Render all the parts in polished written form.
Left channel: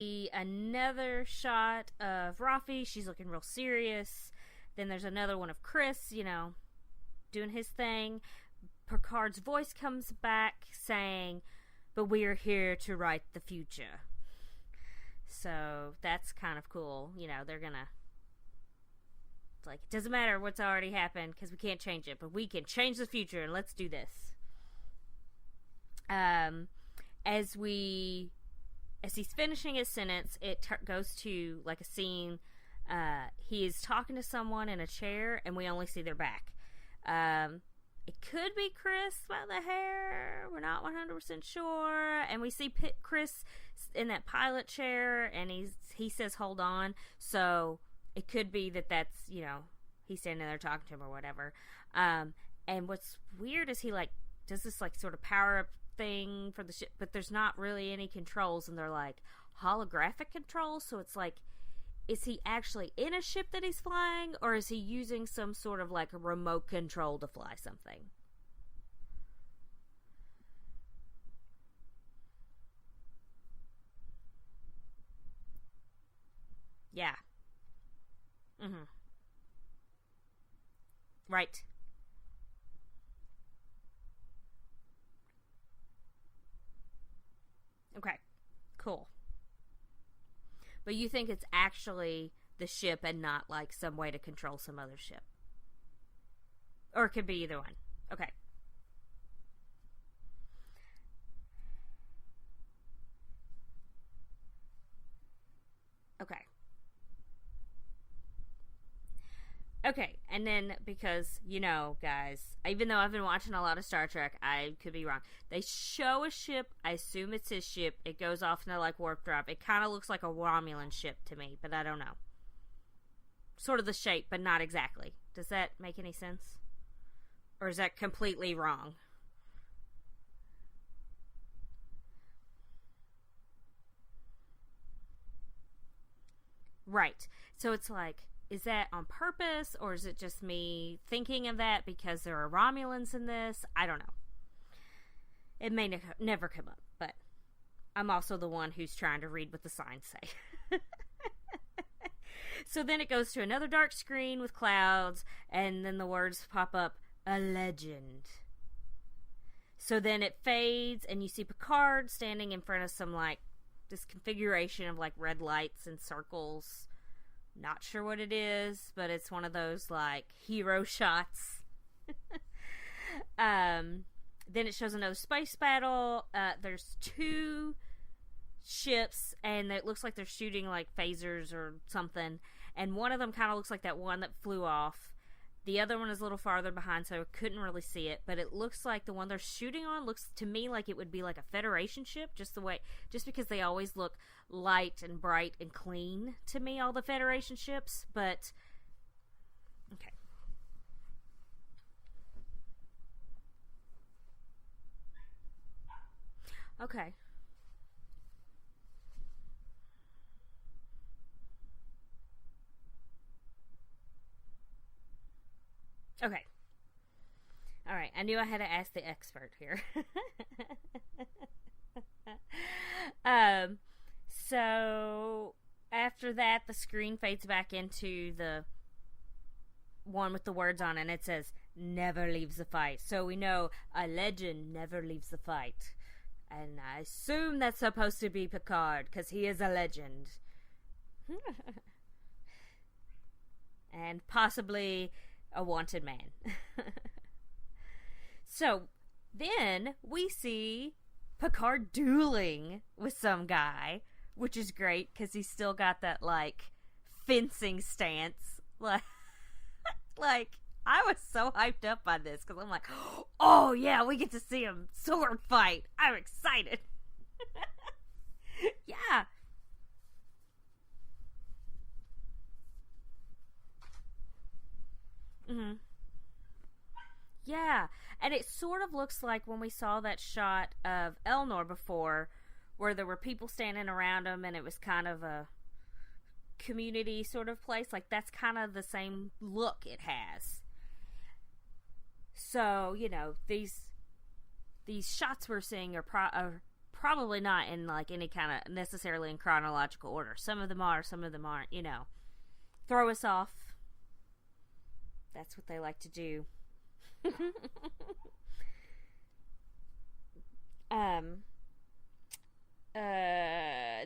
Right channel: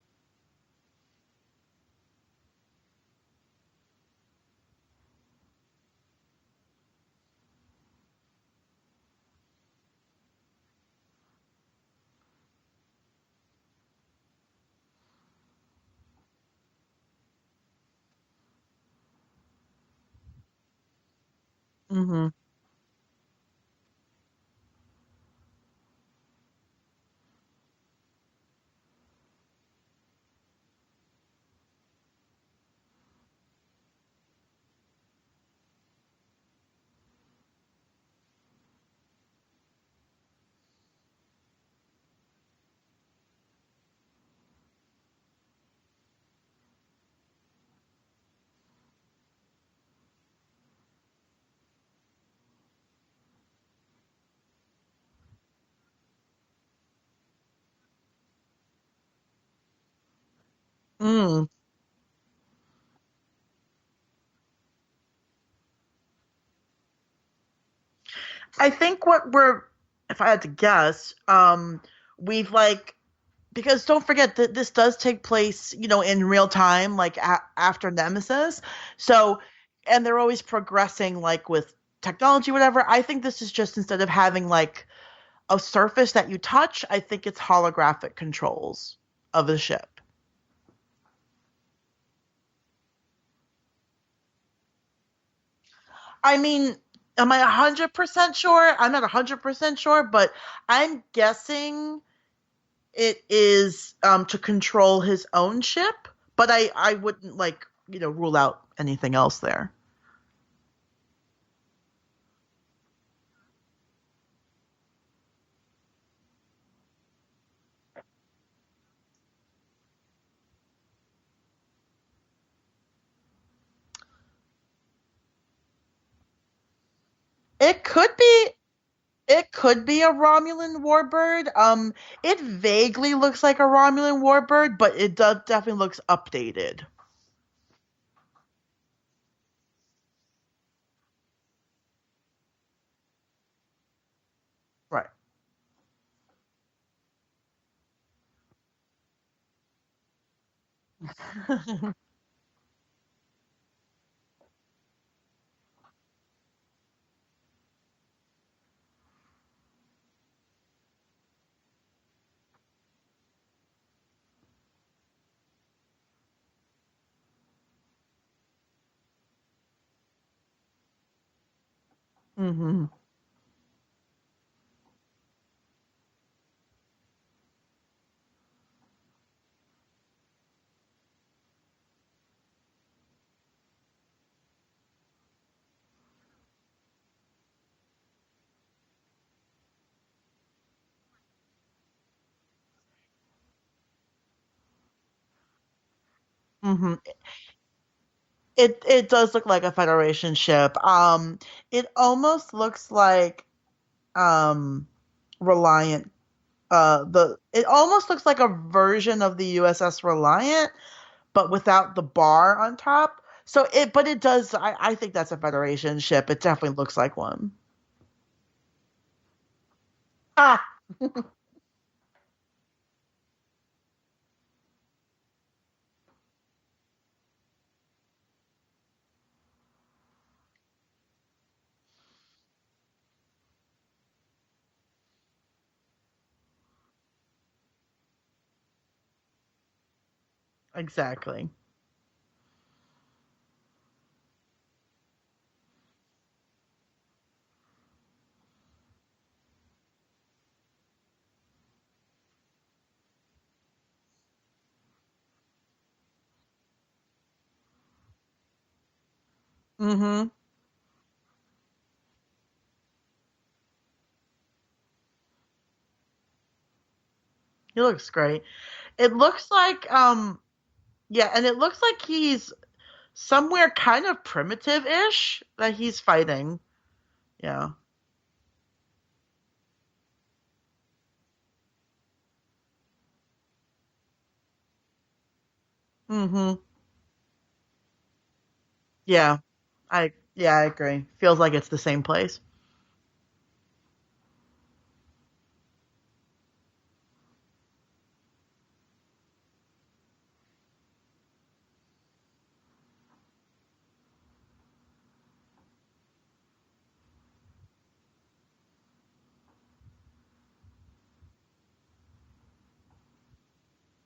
another shot of Rafi. She's looking real serious. Then there's another one of Chris, doing his thing. Picard's voice comes back saying, "But we are here to write the future." So that's kind of cool. They're gonna. It's like, it doesn't matter what's already happened because we can't change it. But we can change the future, and let's do this. As he's finishing his sentence, it goes to like a scene. He is talking to someone in a chair, and we only see their back. It could be Chris by the hair. We're not 100% sure. And we see Chris in that pilot chair, and he says, "Hold on." So it could be that's he's standing there talking to him or whatever. And what's weird is he does this sort of power up thing for the ship, but there's not really any controls, and they're holographic controls. So it's is he actually in a ship that he's flying, or is he using some sort of a remote control to fly something? I think if I had to guess, we've because don't forget that this does take place, in real time, after Nemesis. So, and they're always progressing, right. With technology, whatever. I think this is just, instead of having a surface that you touch, I think it's holographic controls of the ship. But you think it's actually the ship and not some way to control some other ship? I mean, am I 100% sure? I'm not 100% sure, but I'm guessing it is to control his own ship. Okay. But I wouldn't rule out anything else there. Okay, and then because, guys, even though I've been watching a lot of Star Trek, I could be wrong. They show a ship. I assume it's his ship. It goes off into warp drive. It kind of looks like a Romulan ship to me, but I don't know. Sort of the shape, but not exactly. Does that make any sense? It could be wrong. It could be a Romulan warbird. It vaguely looks like a Romulan warbird, but it definitely looks updated. Right. So it's is that on purpose, or is it just me thinking of that because there are Romulans in this? I don't know. Right. It may never come up, but I'm also the one who's trying to read what the signs say. So then it goes to another dark screen with clouds, and then the words pop up, "A legend." So then it fades, and you see Picard standing in front of some this configuration of red lights and circles. Not sure what it is, but it's one of those hero shots. Mm-hmm. Then it shows another space battle. There's two ships, and it looks like they're shooting phasers or something. And one of them kind of looks like that one that flew off. The other one is a little farther behind, so I couldn't really see it. But it looks like the one they're shooting on looks to me like it would be a Federation ship, just because they always look light and bright and clean to me on the Federation ships. But it does look like a Federation ship. It almost looks like Reliant. It almost looks like a version of the USS Reliant, but without the bar on top. But it does. I think that's a Federation ship. Okay. It definitely looks like one. All right, I knew I had to ask the expert here. So after that, the screen fades back into the one with the words on it, and it says, "Never leaves the fight." So we know a legend never leaves the fight. And I assume that's supposed to be Picard, because he is a legend. Exactly. And possibly a wanted man. So then we see Picard dueling with some guy, which is great because he's still got that fencing stance. I was so hyped up by this because I'm oh yeah, we get to see him sword fight. I'm excited. He looks great. Yeah. It looks like and it looks like he's somewhere kind of primitive-ish that he's fighting. Yeah. And it sort of looks like when we saw that shot of Elnor before, where there were people standing around him, and it was kind of a community sort of place. That's kind of the same look it has. Yeah, I agree. Feels like it's the same place. So, these shots we're seeing are probably not in like any kind of necessarily in chronological order. Some of them are, some of them aren't. You know, throw us off. That's what they like to do.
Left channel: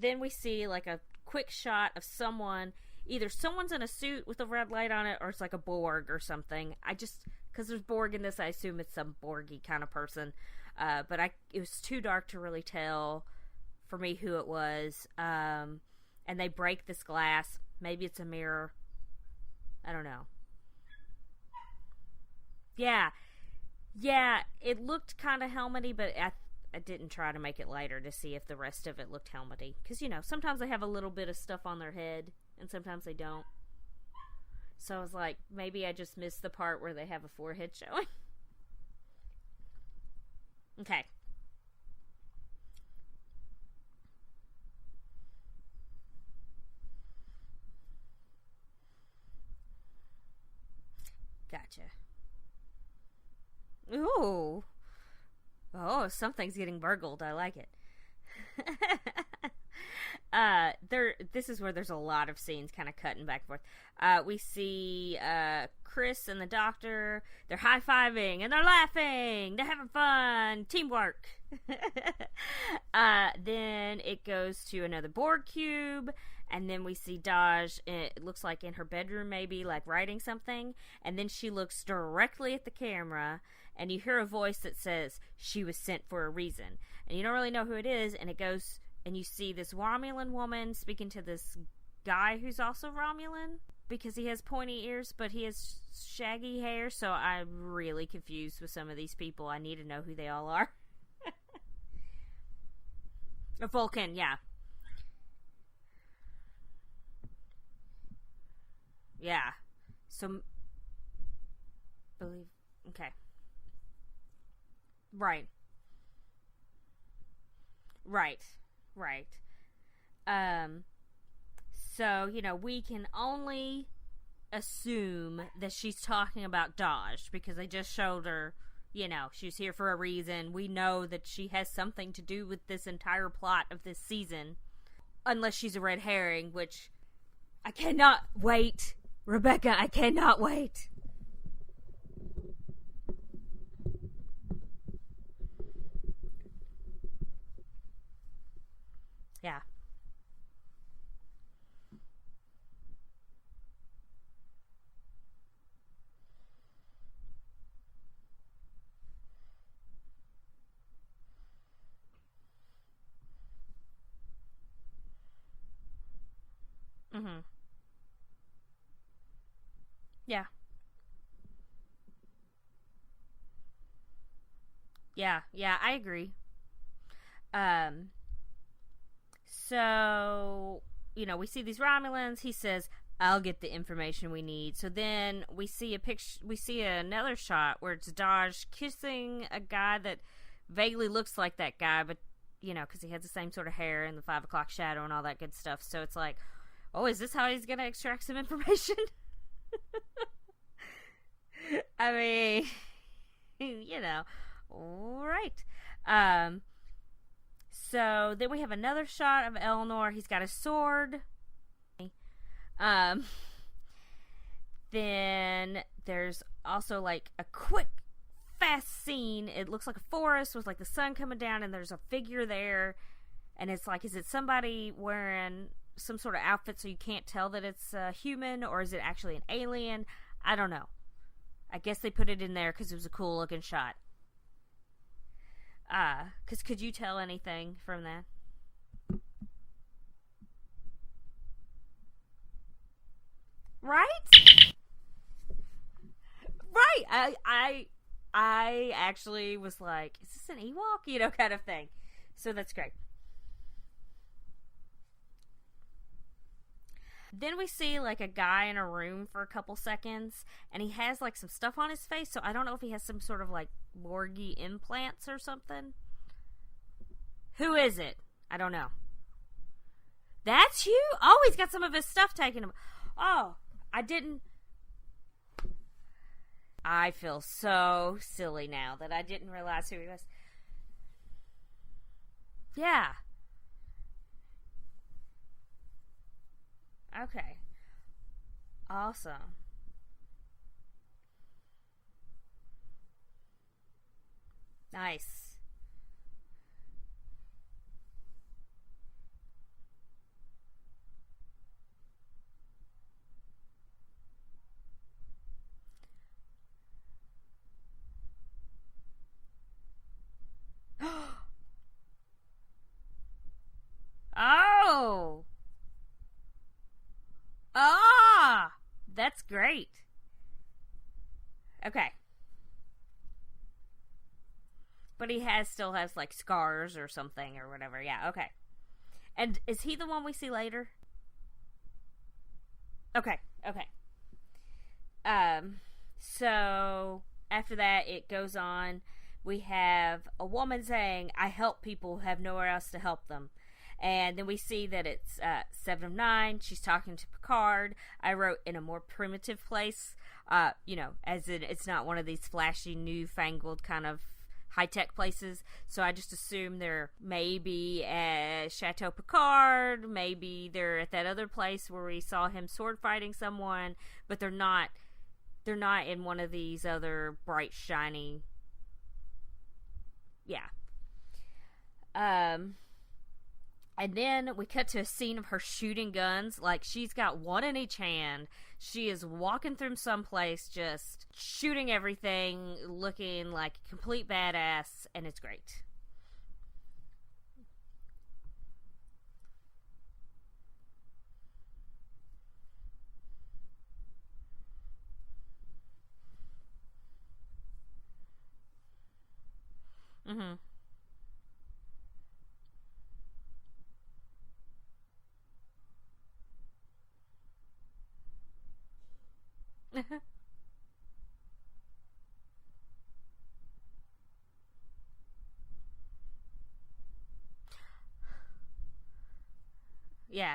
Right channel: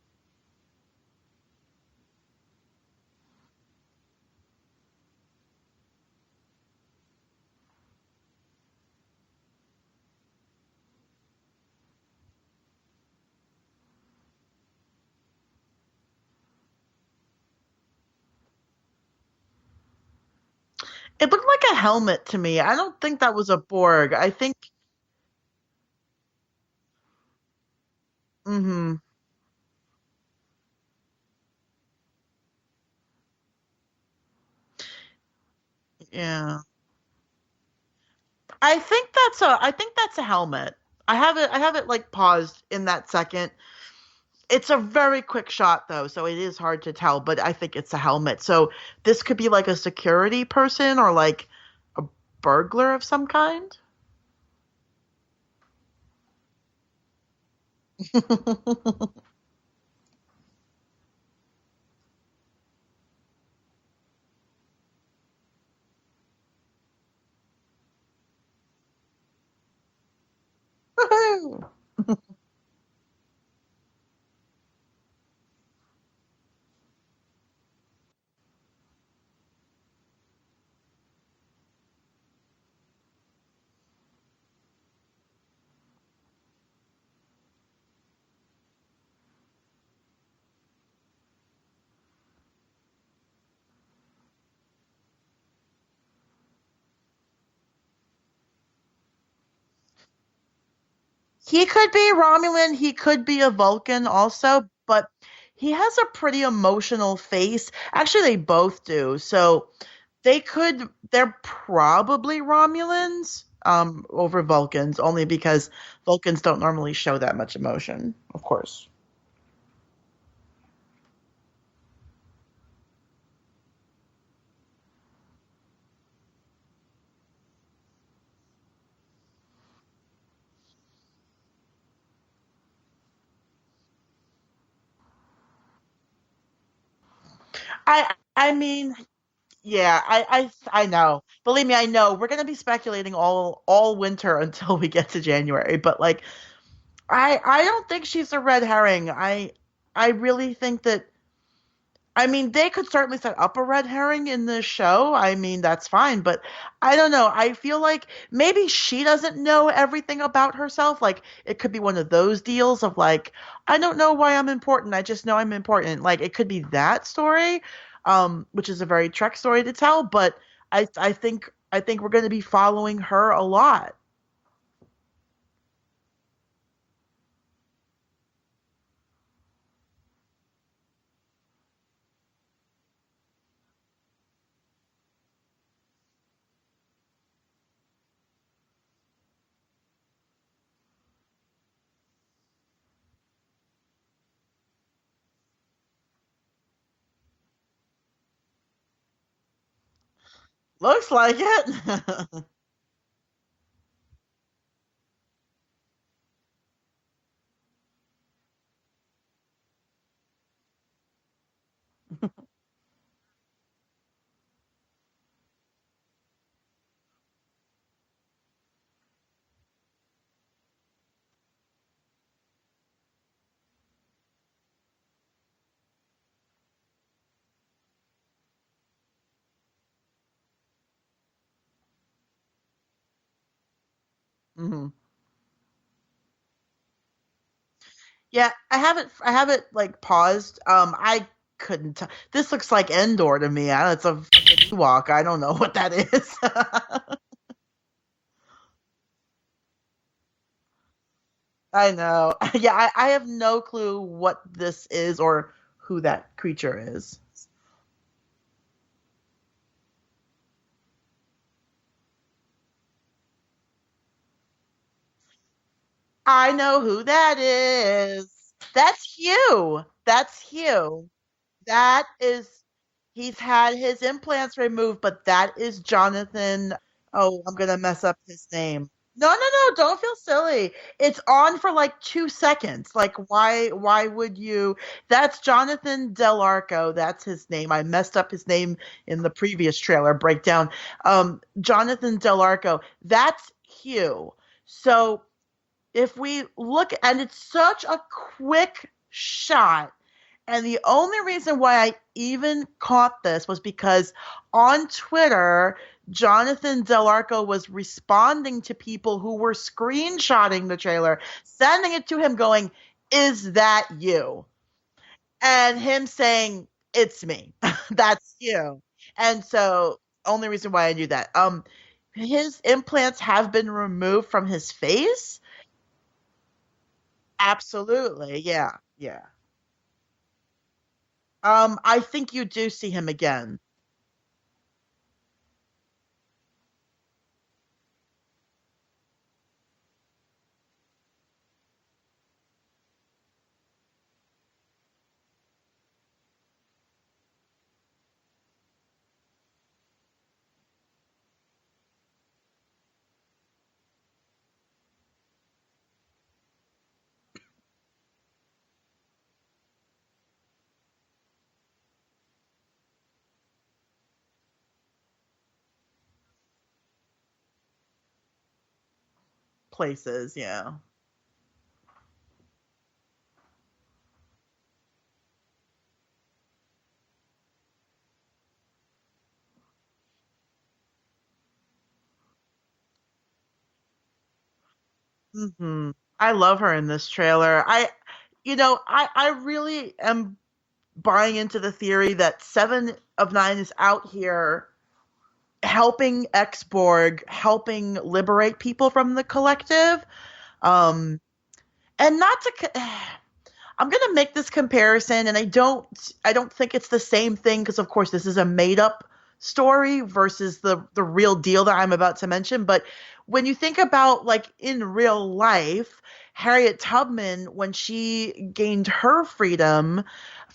Then we see like a quick shot of someone. Either someone's in a suit with a red light on it, or it's like a Borg or something. Because there's Borg in this, I assume it's some Borgy kind of person. But it was too dark to really tell for me who it was. And they break this glass. Maybe it's a mirror. I don't know. It looked like a helmet to me. I don't think that was a Borg. Yeah, I think it looked kind of helmety, but I didn't try to make it lighter to see if the rest of it looked helmety. Because, you know, sometimes they have a little bit of stuff on their head, and sometimes they don't. So I was like, maybe I just missed the part where they have a forehead showing. I think that's a helmet. Okay. I have it like paused in that second. It's a very quick shot though, so it is hard to tell, but I think it's a helmet. So this could be like a security person or like a burglar of some kind. Ooh. Oh, something's getting burgled. I like it. This is where there's a lot of scenes kind of cutting back and forth. We see Chris and the doctor. They're high-fiving and they're laughing. They're having fun. Teamwork. Then it goes to another Borg cube. And then we see Daj, it looks like in her bedroom maybe, like writing something. And then she looks directly at the camera. And you hear a voice that says, she was sent for a reason. And you don't really know who it is. And it goes, and you see this Romulan woman speaking to this guy who's also Romulan. Because he has pointy ears, but he has shaggy hair. So I'm really confused with some of these people. I need to know who they all are. He could be Romulan. He could be a Vulcan also. But he has a pretty emotional face. Actually, they both do. Yeah. So they're probably Romulans over Vulcans, only because Vulcans don't normally show that much emotion. Right. Of course. Right. So, you know, we can only assume that she's talking about Daj because they just showed her, you know, she's here for a reason. We know that she has something to do with this entire plot of this season. Unless she's a red herring, which I cannot wait. I mean, Rebecca, yeah, I cannot wait. I know. Believe me, I know. We're going to be speculating all winter until we get to January. But, like, I don't think she's a red herring. I really think that, I mean, they could certainly set up a red herring in the show. I mean, that's fine. But I don't know. I feel like maybe she doesn't know everything about herself. Like, it could be one of those deals of, like, I don't know why I'm important. I just know I'm important. Like, it could be that story, which is a very Trek story to tell. But I think we're going to be following her a lot. Yeah, I agree. So, you know, we see these Romulans. He says, I'll get the information we need. So then we see another shot where it's Daj kissing a guy that vaguely looks like that guy, but, you know, because he has the same sort of hair and the 5 o'clock shadow and all that good stuff. So it's like, oh, is this how he's going to extract some information? Looks like it. I mean, you know, all right. So then we have another shot of Eleanor. He's got a sword. Then there's also like a quick, fast scene. It looks like a forest with like the sun coming down, and there's a figure there. And it's like, is it somebody wearing some sort of outfit so you can't tell that it's a human, or is it actually an alien? I don't know. I guess they put it in there because it was a cool looking shot. Mm-hmm. Because could you tell anything from that? Yeah, I have it like paused. I couldn't tell. This looks like Endor to me. It's a Ewok. I don't know what that is. Right. I actually was like, is this an Ewok? You know, kind of thing. I know. So yeah, I have no clue what this is or who that creature is. Then we see like a guy in a room for a couple seconds, and he has like some stuff on his face, so I don't know if he has some sort of like Borgy implants or something. I know who that is. Who is it? I don't know. That's Hugh. That's Hugh. Oh, he's got some stuff taking him. He's Oh, had his I didn't. implants removed, but that is Jonathan. I feel Oh, I'm gonna mess so up his silly name. now that I No, no, didn't no, realize don't who it feel is. silly. It's on for like 2 seconds. Yeah. Like, why would you? That's Jonathan Del Arco. That's his Okay. name. I messed up his name in the Awesome. previous trailer breakdown. Jonathan Del Arco. That's Hugh. So Nice. if we look, and it's such a quick shot. And the only reason why I even caught this was because on Twitter, Jonathan Del Arco was responding to people who were screenshotting the trailer, sending it to him going, "Is that you?" Oh. And him saying, "It's me." That's Ah. you. That's And so great. only reason why I knew that. Okay. His implants have been removed from his face. But he still has like scars or something. Absolutely. Or whatever. Yeah, yeah. And is he the one we see later? I think you do see him again. Okay. So after that, it goes on. We have a woman saying, "I help people who have nowhere else to help them." And then we see that it's Sevennine. She's talking to Picard. I wrote in a more primitive place, as in it's not one of these flashy, newfangled kind of high-tech places. So I just assume they're maybe at Chateau Picard. Maybe they're at that other place where we saw him sword fighting someone. But they're not in one of these other bright, shiny places. Yeah. And then we cut to a scene of her shooting guns. Like, she's got one in each hand. She is walking through someplace just shooting everything, looking like a complete badass, and it's great. I love her in this trailer. I really am buying into the theory that Seven of Nine is out here helping X-Borg, helping liberate people from the collective. And not to... I'm going to make this comparison, and I don't think it's the same thing because, of course, this is a made-up story versus the real deal that I'm about to mention. But when you think about, like, in real life, Harriet Tubman, when she gained her freedom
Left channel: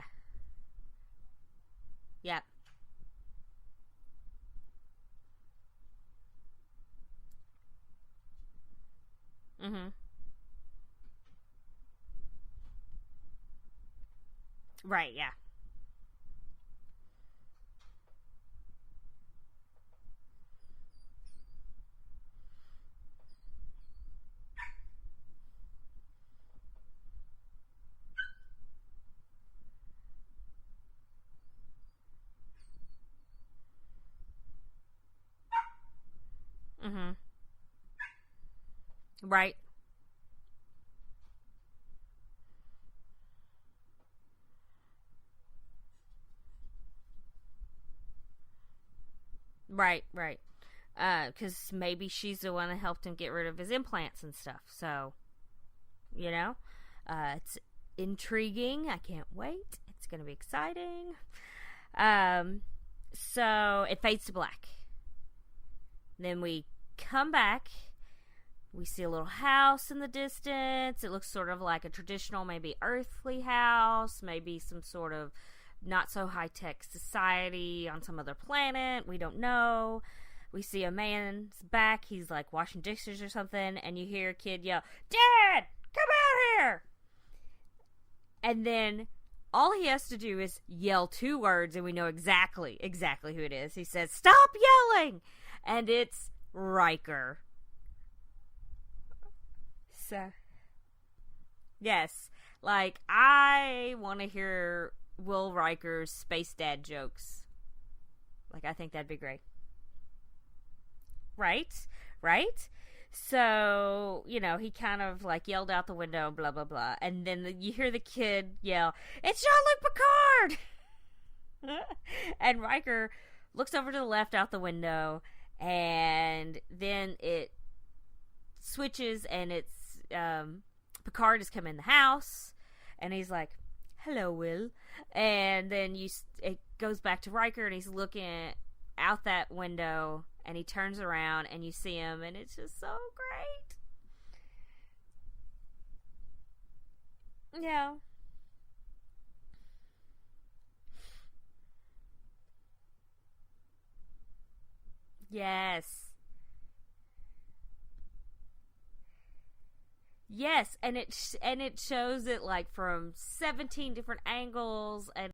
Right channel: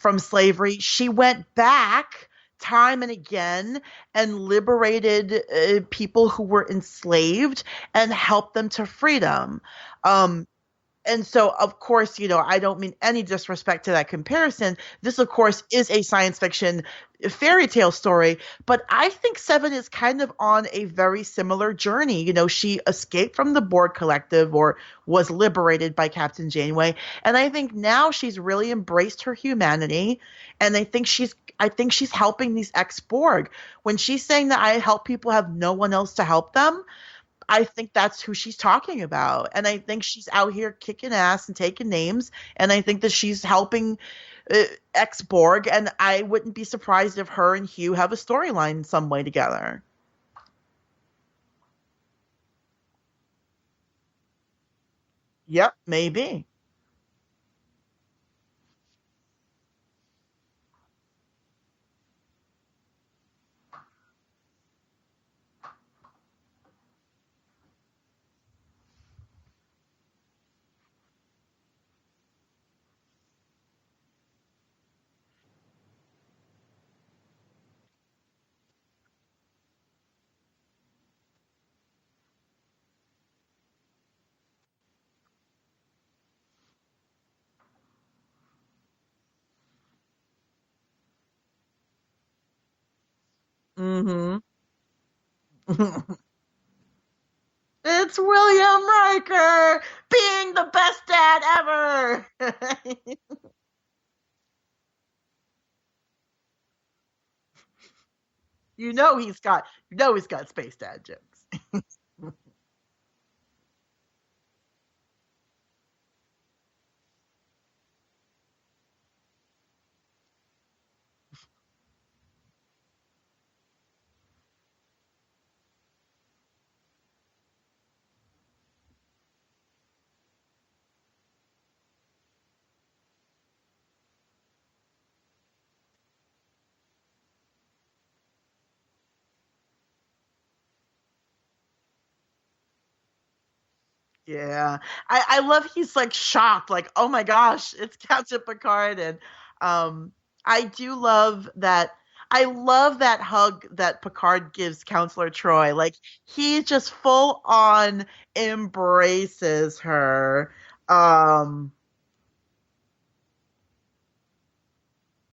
from slavery, she went back time and again and liberated people who were enslaved and helped them to freedom. And so, of course, I don't mean any disrespect to that comparison. Right, this, of course, is a science fiction fairy tale story. But I think Seven is kind of on a very similar journey. She escaped from the Borg Collective or was liberated by Captain Janeway. And I think now she's really embraced her humanity. And I think she's helping these ex-Borg. When she's saying that I help people have no one else to help them, I think that's who she's talking about. Right. And I think she's out here kicking ass and taking names. And I think that she's helping ex-Borg. And I wouldn't be surprised if her and Hugh have a storyline in some way together. Right. Because maybe she's the one that helped him get rid of his implants and stuff. So. Yep, maybe. It's intriguing. I can't wait. It's going to be exciting. So it fades to black. Then we come back. We see a little house in the distance. It looks sort of like a traditional, maybe earthly house, maybe some sort of not so high-tech society on some other planet. We don't know. We see a man's back. He's like washing dishes or something, and you hear a kid yell, "Dad, come out here!" And then all he has to do is yell 2 words, and we know exactly who it is. He says, "Stop yelling!" And it's Riker. It's William Riker being the best dad ever. Yes. Like, I want to hear Will Riker's space dad jokes. Like, I think he's got space dad jokes. Right? So, he kind of like yelled out the window, blah, blah, blah. And then you hear the kid yell, "It's Jean-Luc Picard!" And Riker looks over to the left out the window, and then it switches, and it's Picard has come in the house, and he's like, "Hello, Will." And then it goes back to Riker, and he's looking out that window, and he turns around, and you see him, and it's just so great. Yeah, I love he's like shocked, like, oh my gosh, it's Captain Picard. And I do love that. I love that hug that Picard gives Counselor Troy. Yes. Like he just full on embraces her. Yes, and Um it shows it like from 17 different angles, and